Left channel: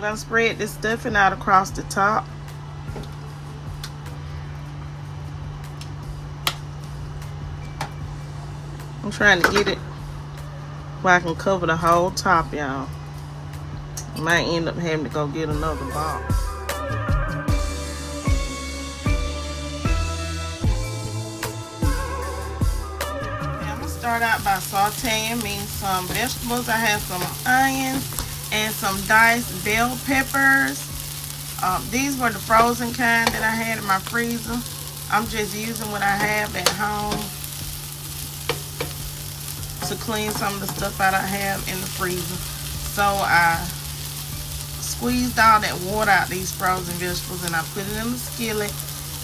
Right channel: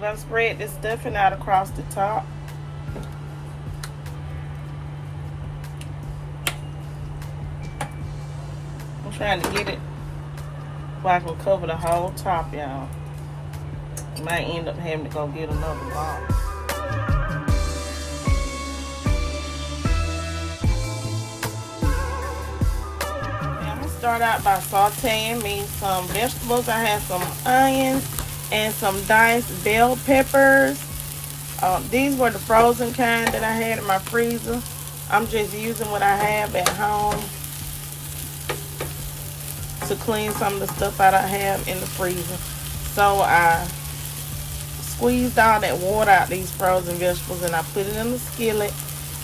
I'm gonna spread this stuffing out across the top. I'm trying to get it where I can cover the whole top, y'all. Might end up having to go get another box. I'm gonna start out by sauteing me some vegetables. I have some onions and some diced bell peppers. These were the frozen kind that I had in my freezer. I'm just using what I have at home to clean some of the stuff out I have in the freezer. So I squeezed all that water out these frozen vegetables and I put it in the skillet,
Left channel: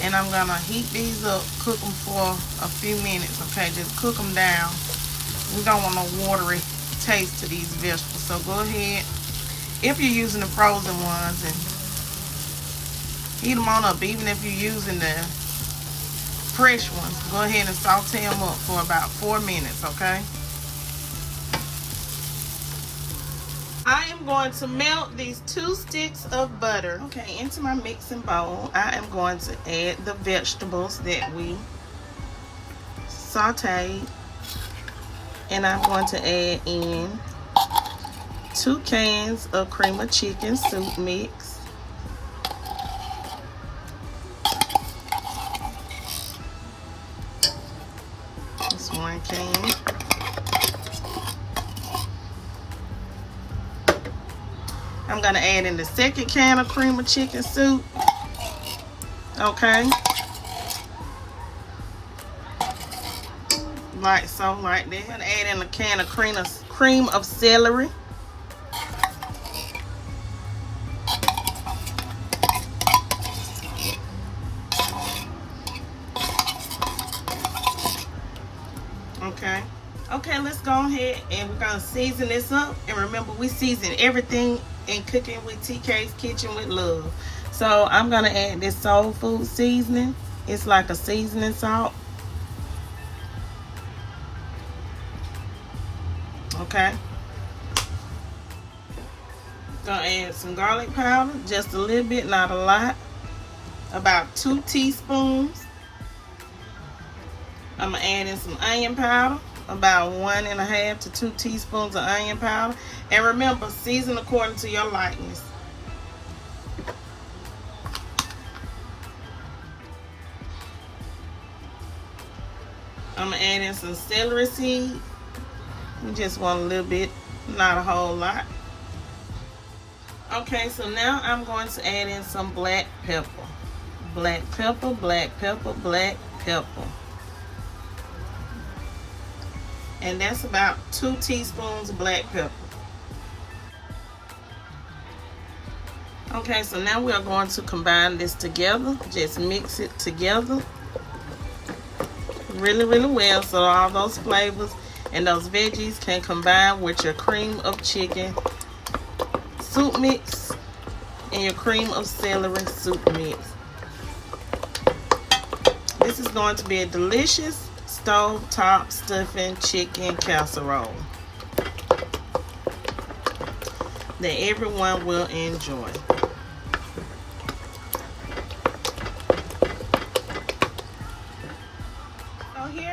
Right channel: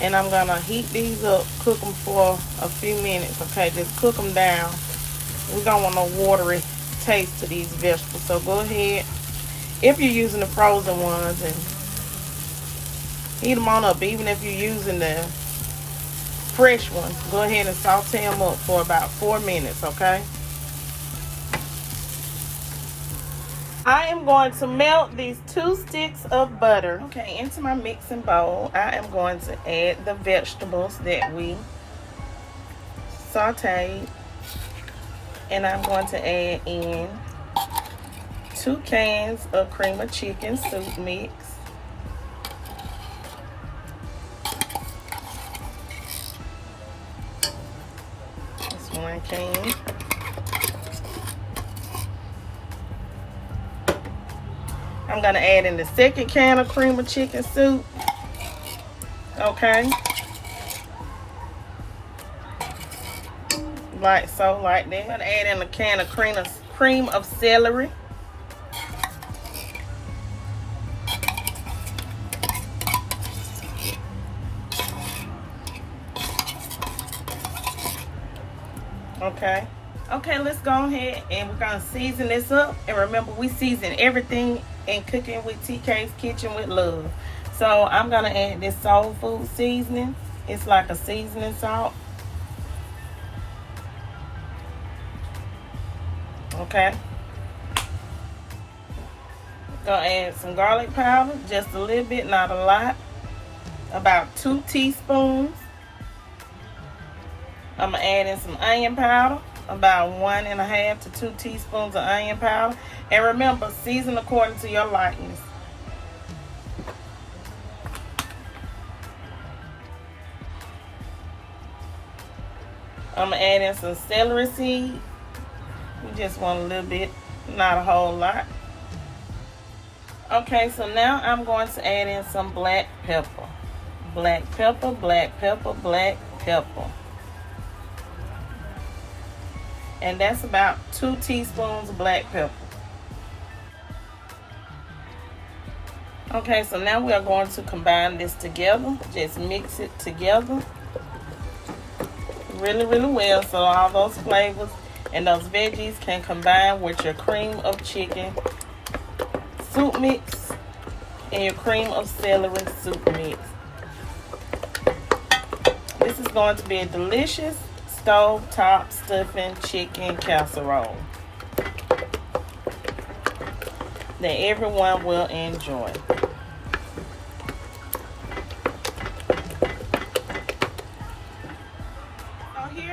and I'm gonna heat these up, cook them for a few minutes. Okay, just cook them down. We don't want no watery taste to these vegetables, so go ahead, if you're using the frozen ones, and heat them on up. Even if you're using the fresh ones, go ahead and saute them up for about 4 minutes. Okay, I am going to melt these 2 sticks of butter. Okay, into my mixing bowl, I am going to add the vegetables that we sauteed. And I'm going to add in 2 cans of cream of chicken soup mix. That's 1 can. I'm gonna add in the 2nd can of cream of chicken soup. Okay, like so, like that. I'm gonna add in a can of cream of celery. Okay, let's go ahead and we're gonna season this up. And remember, we season everything in Cooking with TK's Kitchen with Love. So I'm gonna add this soul food seasoning. It's like a seasoning salt. Okay, gonna add some garlic powder, just a little bit, not a lot, about 2 teaspoons. I'm gonna add in some onion powder, about 1.5 to 2 teaspoons of onion powder. And remember, season according to your likeness. I'm gonna add in some celery seeds. You just want a little bit, not a whole lot. Okay, so now I'm going to add in some black pepper. Black pepper, black pepper, black pepper. And that's about 2 teaspoons of black pepper. Okay, so now we are going to combine this together. Just mix it together really, really well so all those flavors and those veggies can combine with your cream of chicken soup mix and your cream of celery soup mix. This is going to be a delicious stove-top stuffing chicken casserole that everyone will enjoy.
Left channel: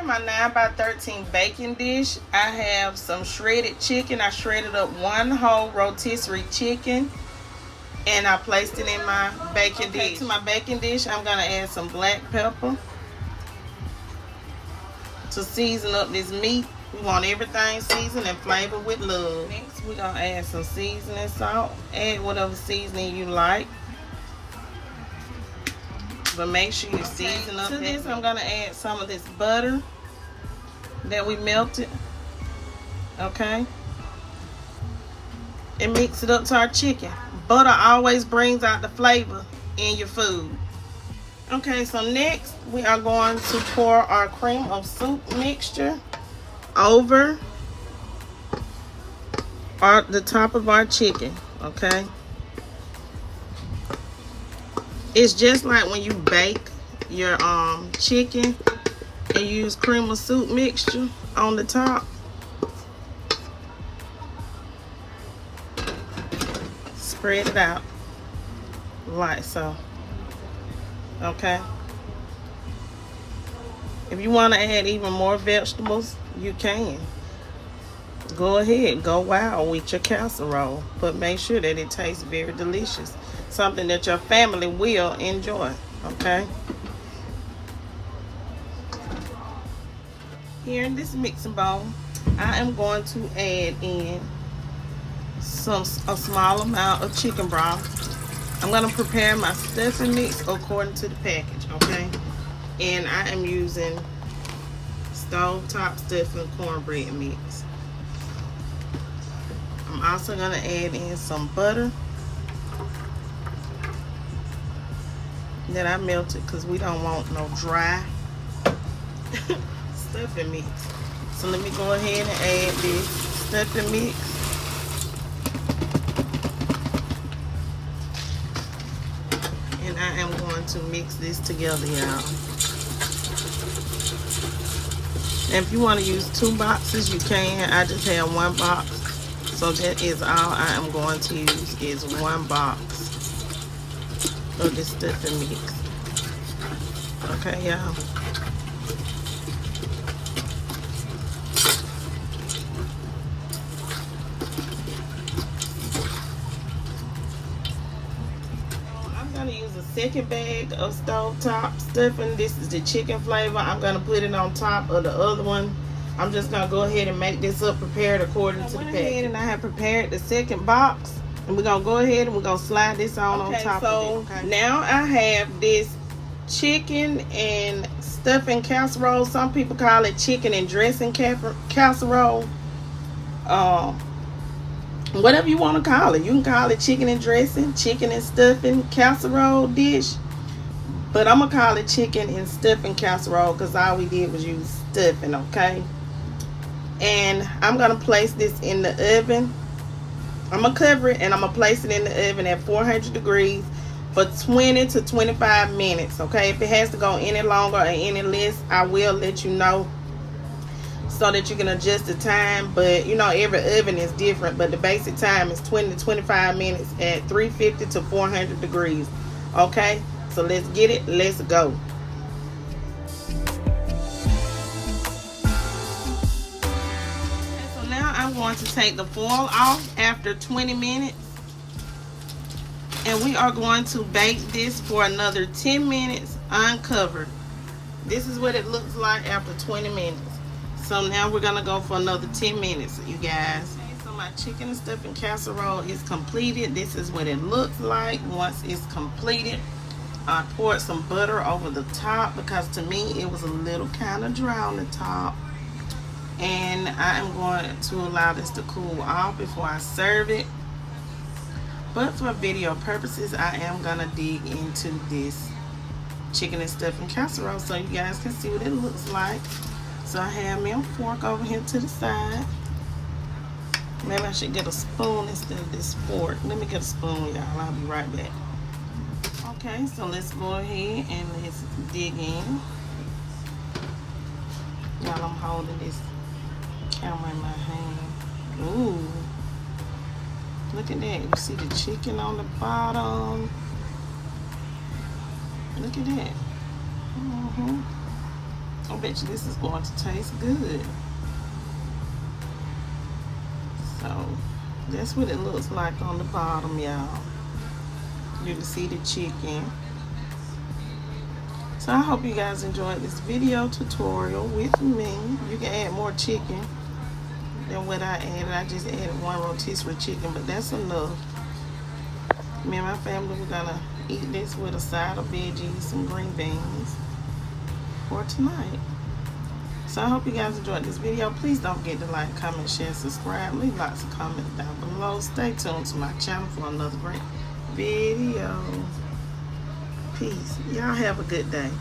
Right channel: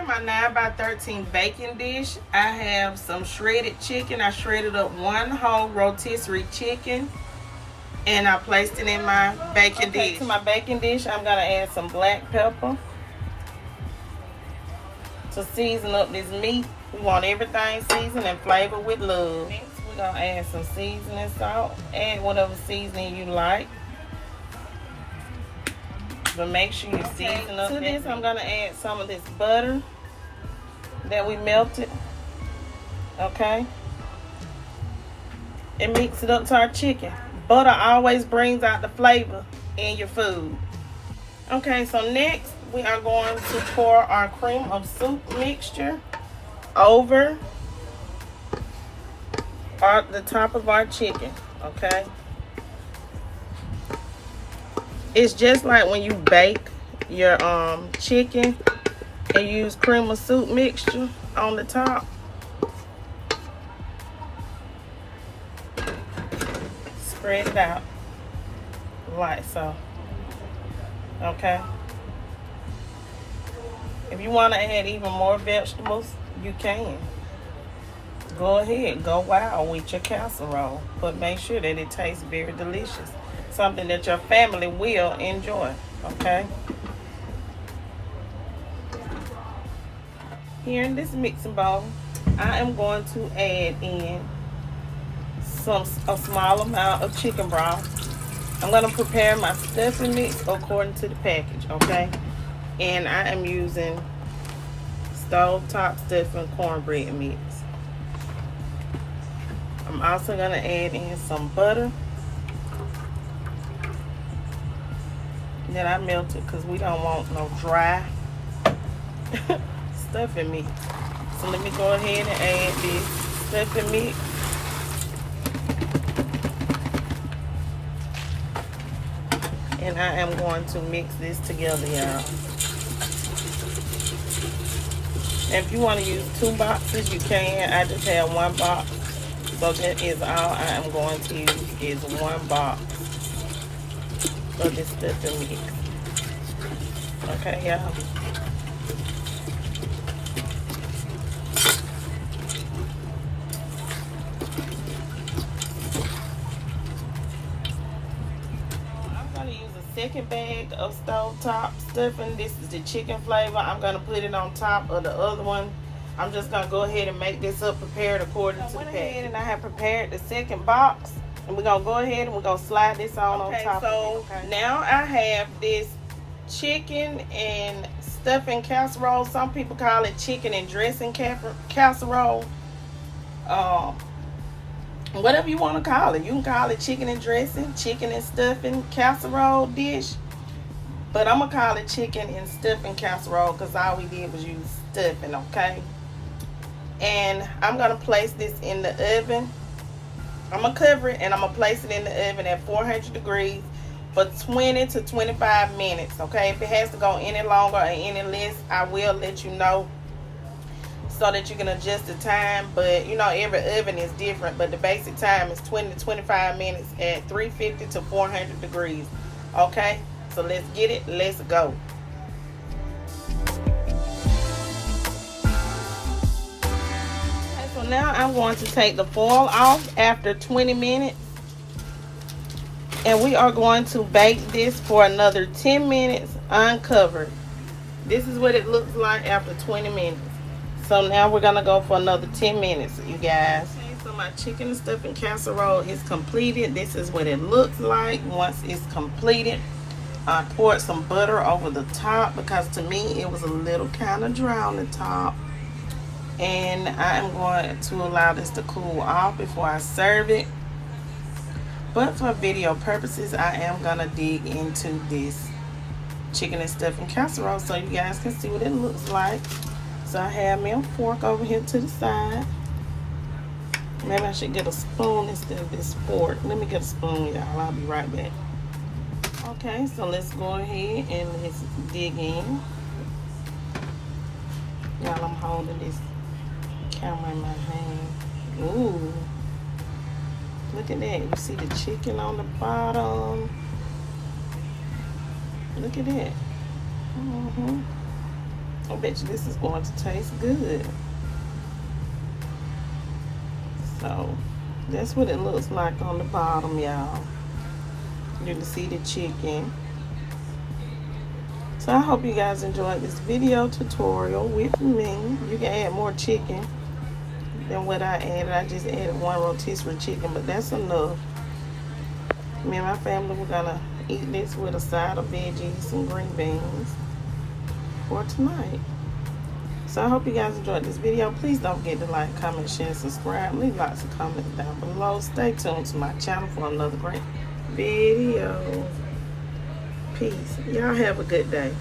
My 9x13 baking dish, I have some shredded chicken. I shredded up 1 whole rotisserie chicken and I placed it in my baking dish. To my baking dish, I'm gonna add some black pepper to season up this meat. We want everything seasoned and flavored with love. Next, we're gonna add some seasoning salt. Add whatever seasoning you like, but make sure you season up. To this, I'm gonna add some of this butter that we melted. Okay, and mix it up to our chicken. Butter always brings out the flavor in your food. Okay, so next we are going to pour our cream of soup mixture over the top of our chicken. Okay, it's just like when you bake your chicken and use cream of soup mixture on the top. spread it out like so. Okay. If you want to add even more vegetables, you can. Go ahead, go wild with your casserole, but make sure that it tastes very delicious. Something that your family will enjoy, okay? Here in this mixing bowl, I am going to add in a small amount of chicken broth. I'm going to prepare my stuffing mix according to the package, okay? And I am using stovetop stuffing cornbread mix. I'm also going to add in some butter that I melted because we don't want no dry stuffing mix. So let me go ahead and add this stuffing mix. And I am going to mix this together, y'all. If you want to use 2 boxes, you can. I just have 1 box. So that is all I am going to use is 1 box of this stuffing mix. Okay, y'all. I'm going to use a second bag of stovetop stuffing. This is the chicken flavor. I'm going to put it on top of the other one. I'm just going to go ahead and make this up prepared according to the package. And I have prepared the second box. And we're going to go ahead and we're going to slide this on top of it. Okay. Now I have this chicken and stuffing casserole. Some people call it chicken and dressing casserole. Whatever you want to call it. You can call it chicken and dressing, chicken and stuffing casserole dish. But I'm going to call it chicken and stuffing casserole because all we did was use stuffing, okay? And I'm going to place this in the oven. I'm going to cover it and I'm going to place it in the oven at 400 degrees for 20 to 25 minutes, okay? If it has to go any longer or any less, I will let you know so that you can adjust the time. But, you know, every oven is different, but the basic time is 20 to 25 minutes at 350 to 400 degrees, okay? So let's get it. Let's go. Now I'm going to take the foil off after 20 minutes and we are going to bake this for another 10 minutes uncovered. This is what it looks like after 20 minutes. So now we're gonna go for another 10 minutes, you guys. Okay, so my chicken and stuffing casserole is completed. This is what it looks like once it's completed. I poured some butter over the top because to me it was a little kind of dry on the top. And I am going to allow this to cool off before I serve it. But for video purposes, I am going to dig into this chicken and stuffing casserole so you guys can see what it looks like. So I have me a fork over here to the side. Maybe I should get a spoon instead of this fork. Let me get a spoon, y'all. I'll be right back. Okay, so let's go ahead and let's dig in. Y'all, I'm holding this camera in my hand. Ooh, look at that. You see the chicken on the bottom. Look at that. I bet you this is going to taste good. So that's what it looks like on the bottom, y'all. You can see the chicken. So I hope you guys enjoyed this video tutorial with me. You can add more chicken than what I added. I just added 1 rotisserie chicken, but that's enough. Me and my family, we're gonna eat this with a side of veggies, some green beans for tonight. So I hope you guys enjoyed this video. Please don't forget to like, comment, share, subscribe. Leave lots of comments down below. Stay tuned to my channel for another great video. Peace. Y'all have a good day.